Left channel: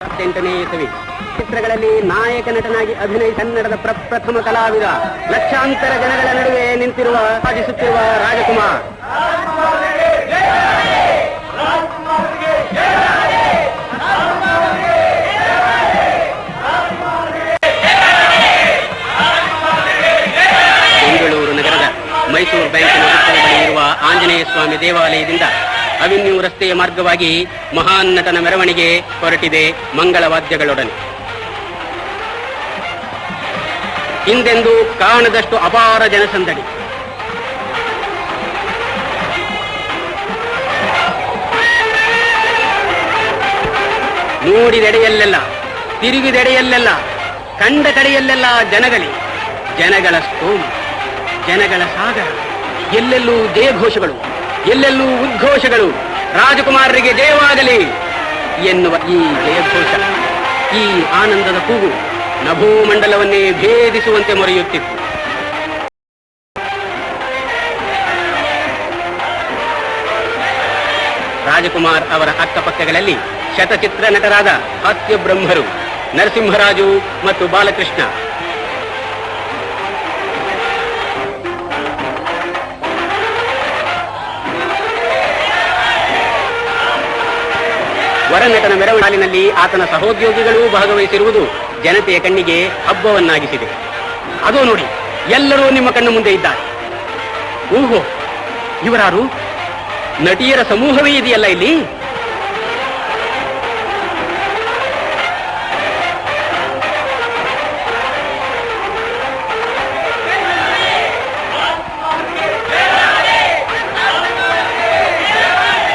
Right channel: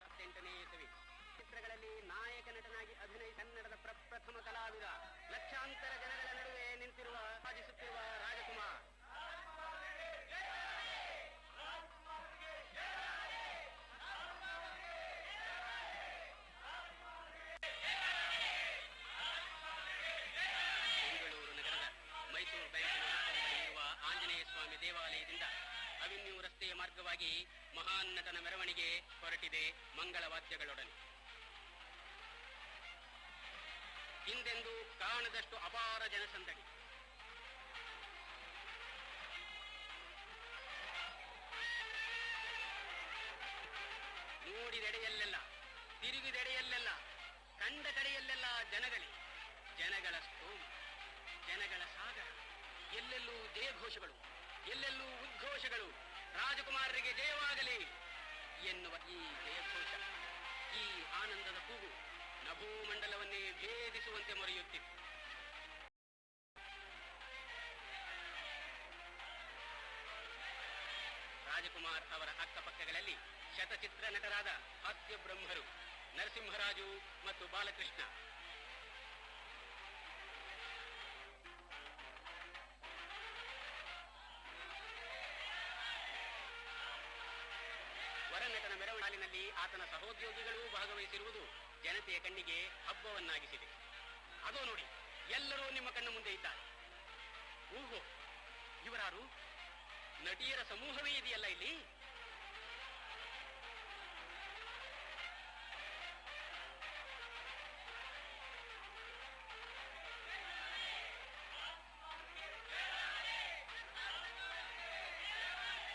8ನೇ ಇಸವಿ ಚಿತ್ರಗಳಲ್ಲಿ ನಾಯಕ ನಟನಾಗಿ ಅಭಿನಯಿಸಿ ಕನ್ನಡದ ಪ್ರಪ್ರಥಮ ಕಲಾವಿದ, ಲಕ್ಷಾಂತರ ಜನಗಳ ನಡುವೆ ನಿಂತಿರುವ ಸಾಧಿಸುತ್ತಿರುವ ರಾಜಕುಮಾರ್. ಬೆಂಗಳೂರು ನಗರದ ಮೈಸೂರು ಬ್ಯಾಂಕಿನ ಬಳಿ ಇರುವ ಆಂಜನೇಯ ಸ್ವಾಮಿ ದೇವಾಲಯದಿಂದ ಅವೆನ್ಯೂ ರಸ್ತೆಯ ಮಾರ್ಗವಾಗಿ ಮಹಾನ್ ನಟನ ಮೆರವಣಿಗೆ ಹೊರಟಿದೆ ಮಂಗಳವಾದ್ಯಗಳೊಡನೆ. ಹಿಂದೆಂದೂ ಕಾಣದಷ್ಟು ಅಪಾರ ಜನಸಂದಣಿ. ನೋಡಿದೆಡೆಯಲ್ಲೆಲ್ಲ, ತಿರುಗಿದೆಡೆಯಲ್ಲೆಲ್ಲ, ಕಂಡ ಕಡೆಯಲ್ಲೆಲ್ಲ ಜನಗಳ ಸ್ತೋಮ, ಜನಗಳ ಸಾಗರ. ಎಲ್ಲೆಲ್ಲೂ ಜಯಘೋಷಗಳು, ಎಲ್ಲೆಲ್ಲೂ ಉದ್ಘೋಷಗಳು. ರಾಜಕುಮಾರರಿಗೆ ಜಯವಾಗಲಿ ಎನ್ನುವ ಈ ಜಯಘೋಷ, ಈ ಆನಂದದ ಕೂಗು ನಭೋಮಂಡಲವನ್ನೇ ಭೇದಿಸುವಂತೆ ಮೊರೆಯುತ್ತಿತ್ತು. ರಾಜಕುಮಾರ್ ಅವರ ಅಕ್ಕಪಕ್ಕಗಳಲ್ಲಿ ಶತಚಿತ್ರ ನಟರಾದ ಹಾಸ್ಯ ಬ್ರಹ್ಮರು ನರಸಿಂಹರಾಜು ಮತ್ತು ಬಾಲಕೃಷ್ಣ. ವರನಟನ ಮೆರವಣಿಗೆಯಲ್ಲಿ ಆತನ ಸಹೋದ್ಯೋಗಿಗಳೂ ಭಾಗವಹಿಸಿರುವುದು ಜನತೆಯ ಕಣ್ಣಿಗೆ ಹಬ್ಬವನ್ನಾಗಿಸಿದೆ. ಅದೋ ನೋಡಿ, ಎಲ್ಲರೂ ನಿಮ್ಮ ಕಣ್ಣು ಮುಂದೆ ಇದ್ದಾರೆ. ಓಹೋ, ಇವರಾರು? ನಟಿಯರ ಸಮೂಹವೇ ಇದೆಯಲ್ಲ ಇಲ್ಲಿ.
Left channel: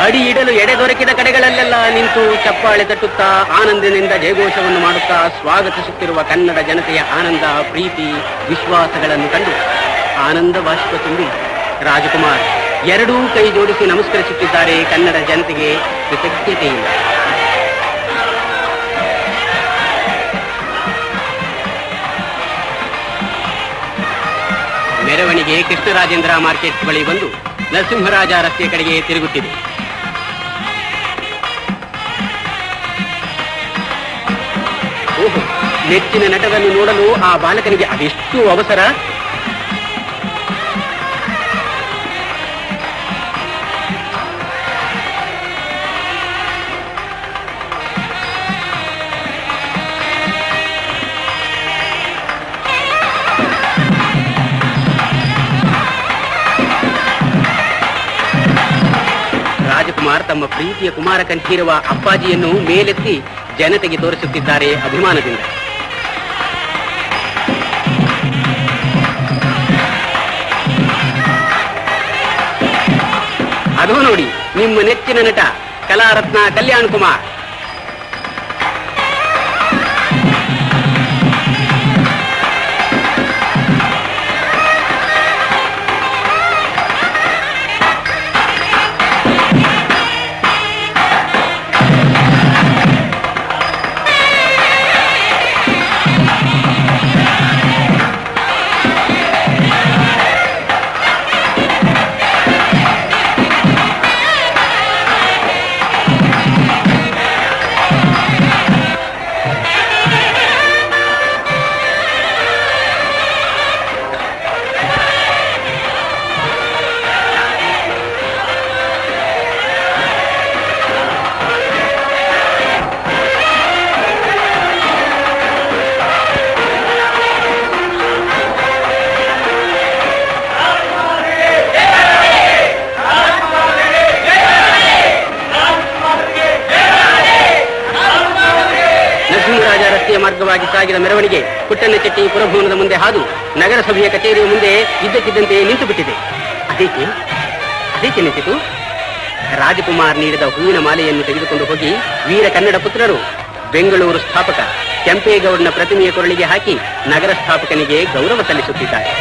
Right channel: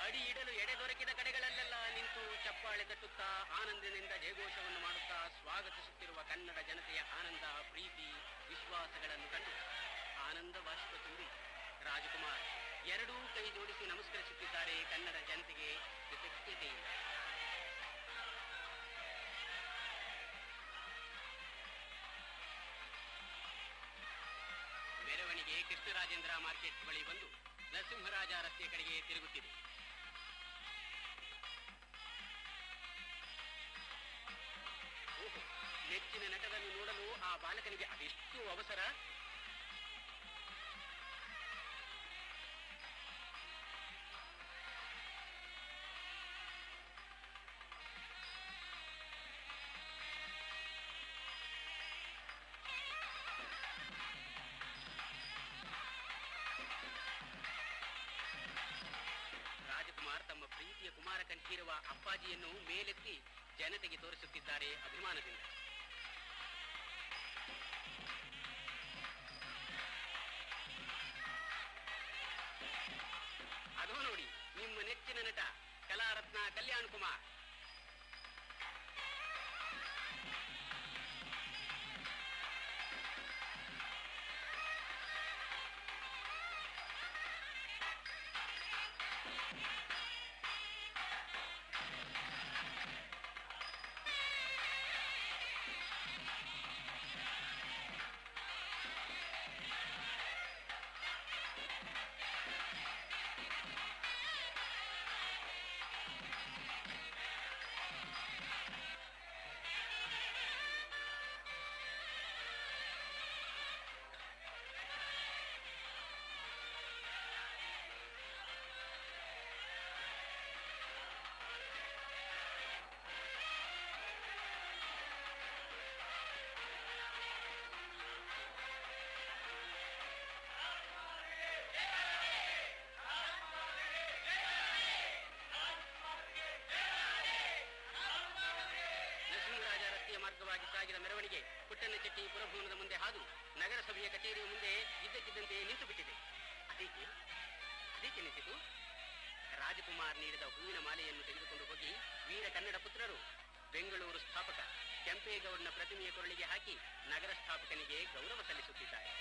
ಅಡಿ ಇಡಲು ಎಡೆ ದೊರಕಿದ ಕಡೆಗಳಲ್ಲೆಲ್ಲ ನಿಂತು ಚಪ್ಪಾಳೆ ತಟ್ಟುತ್ತಾ ಆನಂದದಿಂದ ಜಯಘೋಷವನ್ನು ಮಾಡುತ್ತಾ ಸ್ವಾಗತಿಸುತ್ತಿರುವ ಕನ್ನಡ ಜನತೆಯ ಆನಂದ, ಪ್ರೀತಿ, ವಿಶ್ವಾಸಗಳನ್ನು ಕಂಡು ಆನಂದ ಬಾಷ್ಪ ತುಂಬಿ ರಾಜಕುಮಾರ್ ಎರಡೂ ಕೈ ಜೋಡಿಸಿ ನಮಸ್ಕರಿಸುತ್ತಿದ್ದಾರೆ ಕನ್ನಡ ಜನತೆಗೆ ಕೃತಜ್ಞತೆಯಿಂದ. ಮೆರವಣಿಗೆ ಕೃಷ್ಣರಾಜೇಂದ್ರ ಮಾರ್ಕೆಟ್ ಬಳಿ ಬಂದು ನರಸಿಂಹರಾಜ ರಸ್ತೆಯ ಕಡೆಗೆ ತಿರುಗುತ್ತಿದೆ. ಓಹೋ, ನೆಚ್ಚಿನ ನಟವನ್ನು ನೋಡಲು ಆ ಬಾಲಕನಿಗೆ ಅದೆಷ್ಟು ಅವಸರ. ರಾಜಕುಮಾರ್ ತಮ್ಮ ಪ್ರೀತಿಯ ಕುಮಾರ ಕಂಠೀರುವ ಅಪ್ಪಾಜಿಯನ್ನು ಮೇಲೆತ್ತಿ ಜನತೆಗೆ ತೋರಿಸುತ್ತಿದ್ದಾರೆ ಅಭಿಮಾನದಿಂದ. ಅದೋ ನೋಡಿ, ನಿಮ್ಮ ನೆಚ್ಚಿನ ನಟ ಕಲಾರತ್ನ ಕಲ್ಯಾಣ್ ಕುಮಾರ್. ಮಾರ್ಗವಾಗಿ ಸಾಗಿದ ಮೆರವಣಿಗೆ ಪುಟ್ಟಣ್ಣಚೆಟ್ಟಿ ಪುರಭವನದ ಮುಂದೆ ಹಾದು ನಗರಸಭೆಯ ಕಚೇರಿಯ ಮುಂದೆ ಇದ್ದಕ್ಕಿದ್ದಂತೆ ನಿಂತು ಬಿಟ್ಟಿದೆ. ಅದೇಕೆ ನಿಂತಿತು? ರಾಜಕುಮಾರ್ ನೀಡಿದ ಹೂವಿನ ಮಾಲೆಯನ್ನು ತೆಗೆದುಕೊಂಡು ಹೋಗಿ ವೀರ ಕನ್ನಡ ಪುತ್ರರು ಬೆಂಗಳೂರು ಸ್ಥಾಪಕ ಕೆಂಪೇಗೌಡನ ಪ್ರತಿಮೆಯ ಕೊರಳಿಗೆ ಹಾಕಿ ನಗರ ಸ್ಥಾಪಕನಿಗೆ ಗೌರವ ಸಲ್ಲಿಸುತ್ತಿದ್ದಾರೆ.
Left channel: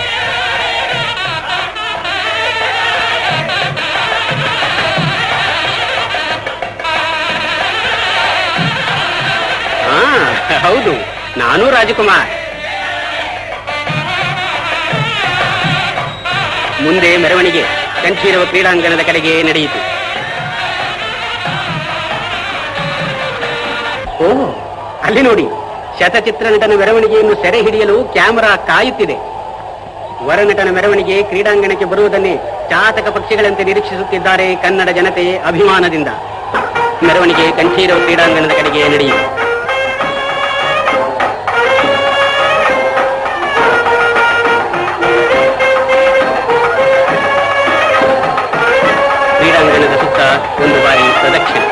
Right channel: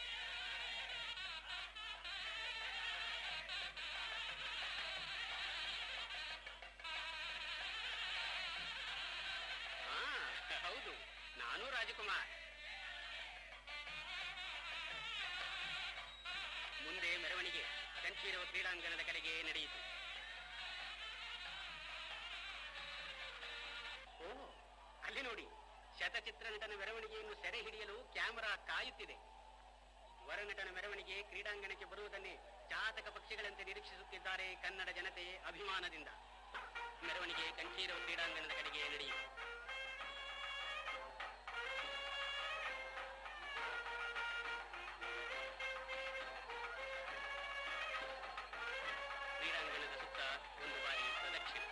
ಹೌದು, ನಾನು ರಾಜಕುಮಾರ್. ಮುಂದೆ ಮೆರವಣಿಗೆ ಕಂಠೀರವ ಕ್ರೀಡಾಂಗಣದ ಕಡೆಗೆ ನಡೆಯಿತು. ಓ, ಅಲ್ಲಿ ನೋಡಿ, ಶತಚಿತ್ರ ನಟನ ಮೆರವಣಿಗೆಯನ್ನು ಸೆರೆ ಹಿಡಿಯಲು ಕ್ಯಾಮೆರಾ ಕಾಯುತ್ತಿದೆ. ವರನಟನ ಮೆರವಣಿಗೆ ಕ್ರೀಡಾಂಗಣಕ್ಕೆ ಬರುವುದನ್ನೇ ಚಾತಕ ಪಕ್ಷಿಗಳಂತೆ ನಿರೀಕ್ಷಿಸುತ್ತಿದ್ದಾರೆ ಕನ್ನಡ ಜನತೆ ಅಭಿಮಾನದಿಂದ. ಮೆರವಣಿಗೆ ಕಂಠೀರವ ಕ್ರೀಡಾಂಗಣದ ಕಡೆಗೆ ನಡೆಯಿತು. ಕ್ರೀಡಾಂಗಣದ ಸುತ್ತ ಒಂದು ಬಾರಿ ಪ್ರದಕ್ಷಿಣೆ.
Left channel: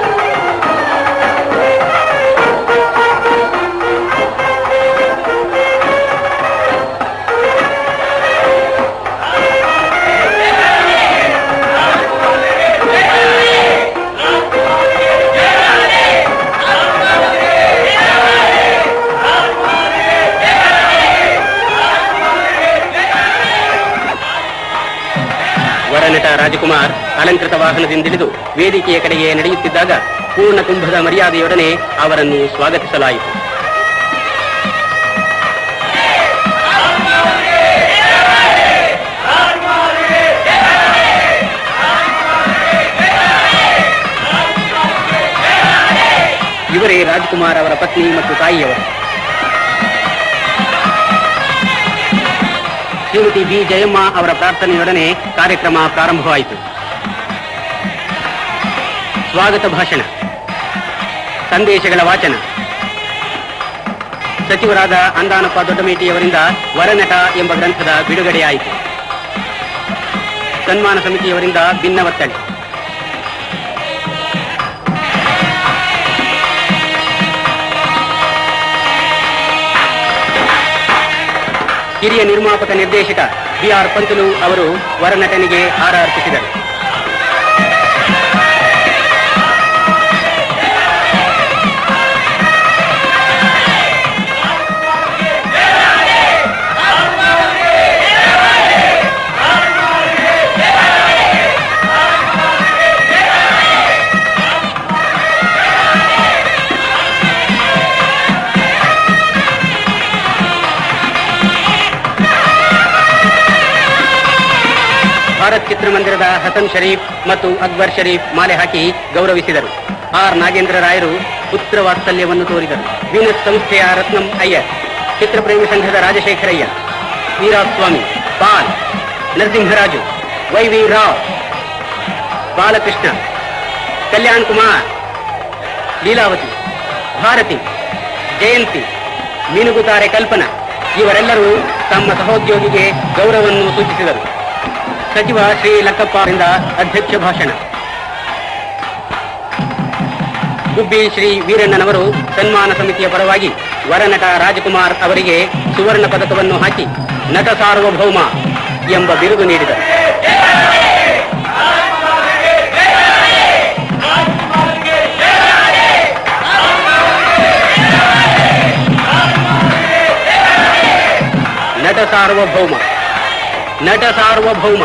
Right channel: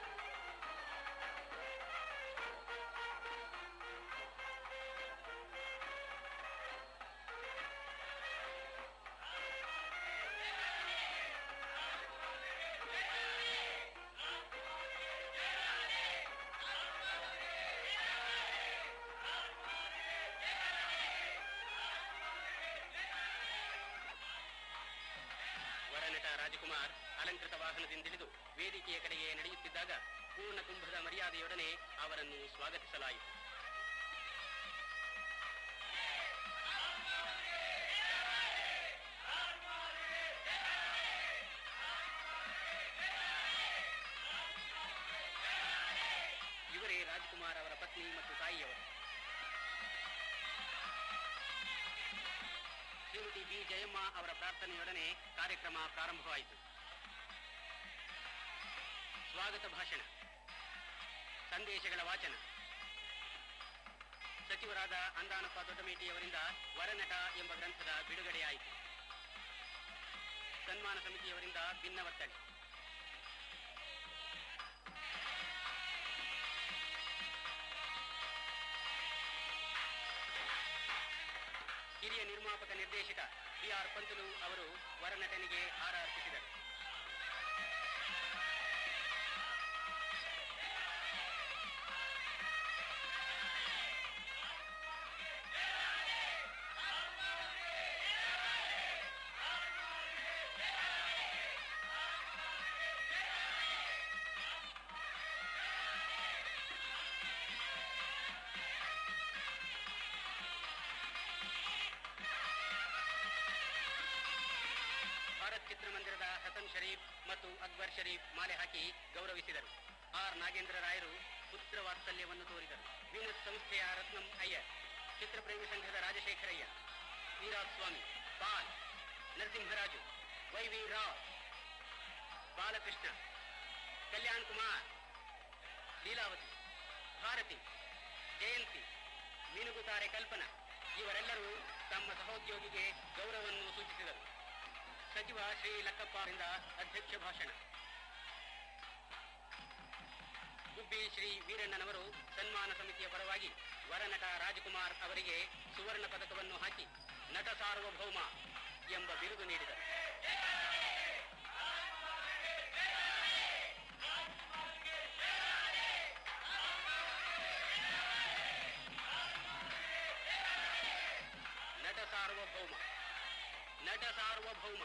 ವರನಟ ರಾಜಕುಮಾರ್ ಅಲಂಕೃತ ವಾಹನದಿಂದಿಳಿದು ವೇದಿಕೆಯ ಕಡೆಗೆ ನಡೆಯುತ್ತಿದ್ದಾಗ ಪೂರ್ಣ ಕುಂಭದ ಮರ್ಯಾದೆಯೊಡನೆ ಅವರನ್ನು ಸ್ವಾಗತಿಸಲಾಯಿತು. ಇವರೇ ರಾಜಕುಮಾರ್ ಅವರ ಪತ್ನಿ ಮತ್ತು ತಾಯಿಯವರು. ಶ್ರೀಮತಿ ಬಿ ಜಯಮ್ಮ ಅವರ ಪ್ರಾರ್ಥನೆಯೊಡನೆ ಕಾರ್ಯಕ್ರಮ ಪ್ರಾರಂಭವಾಯಿತು. ಸ್ವಾಗತ ಭಾಷಣ, ಸಂದೇಶಗಳ ವಾಚನ. ಸಚಿವರಾದ ಅಂದಾನಪ್ಪ ದೊಡ್ಡಮೇಟಿಯವರಿಂದ ವರನಟ ಎಂಬ ಗ್ರಂಥದ ಬಿಡುಗಡೆಯಾಯಿತು. ಸನ್ಮಾನ ಸಮಿತಿಯವರಿಂದ ಭಿನ್ನವತ್ತಳೆ. ಹಿರಿಯ ನಿರ್ಮಾಪಕ ನಿರ್ದೇಶಕ ಬಿ.ಆರ್. ಪಂತಲು ಅವರು ವರನಟನಿಗೆ ಹಾರ ಅರ್ಪಿಸಿದರು. ಭಾರತ್ ಚಿತ್ರಮಂದಿರದ ಹಸನ್ ಶರೀಫ್ ಮತ್ತು ಅಕ್ಬರ್ ಶರೀಫ್ ಮಾಲೆ ಹಾಕಿ ಗೌರವಿಸಿದರು. ಆರ್ ನಾಗೇಂದ್ರ ರಾಯರು ಪುತ್ರ ವಾತ್ಸಲ್ಯವನ್ನು ತೋರಿದರು. ವೀನಸ್ ಸಂಸ್ಥೆಯ ರತ್ನಂ ಅಯ್ಯರ್, ಚಿತ್ರಪ್ರೇಮಿ ಸಂಘದ ರಾಜಶೇಖರಯ್ಯ, ವೀರಾಸ್ವಾಮಿ, ಪಾಲ್, ನರಸಿಂಹರಾಜು, ವೈ.ವಿ. ರಾವ್, ಬಾಲಕೃಷ್ಣ, ಕಲ್ಯಾಣ್ ಕುಮಾರ್, ಲೀಲಾವತಿ, ಭಾರತಿ, ಜಯಂತಿ, ಮೀನುಗುತ್ತಾರೆ ಕಲ್ಪನಾ ಇವರೆಲ್ಲರೂ ತಮ್ಮ ಸಹೋದ್ಯೋಗಿಗೆ ಗೌರವವನ್ನು ಸೂಚಿಸಿದರು. ಸಚಿವ ಶ್ರೀ ಲಕ್ಕಪ್ಪ ಅವರಿಂದ ಅಧ್ಯಕ್ಷ ಭಾಷಣ. ಗುಬ್ಬಿ ಶ್ರೀ ವೀರಣ್ಣನವರು ಸನ್ಮಾನ ಸಮಿತಿಯ ಪರವಾಗಿ ವರನಟ ರಾಜಕುಮಾರ್ ಅವರಿಗೆ ಸುವರ್ಣ ಪದಕವನ್ನು ಹಾಕಿ ನಟ ಸಾರ್ವಭೌಮ ಎಂಬ ಬಿರುದು ನೀಡಿದರು. ನಟ ಸಾರ್ವಭೌಮ, ನಟ ಸಾರ್ವಭೌಮ.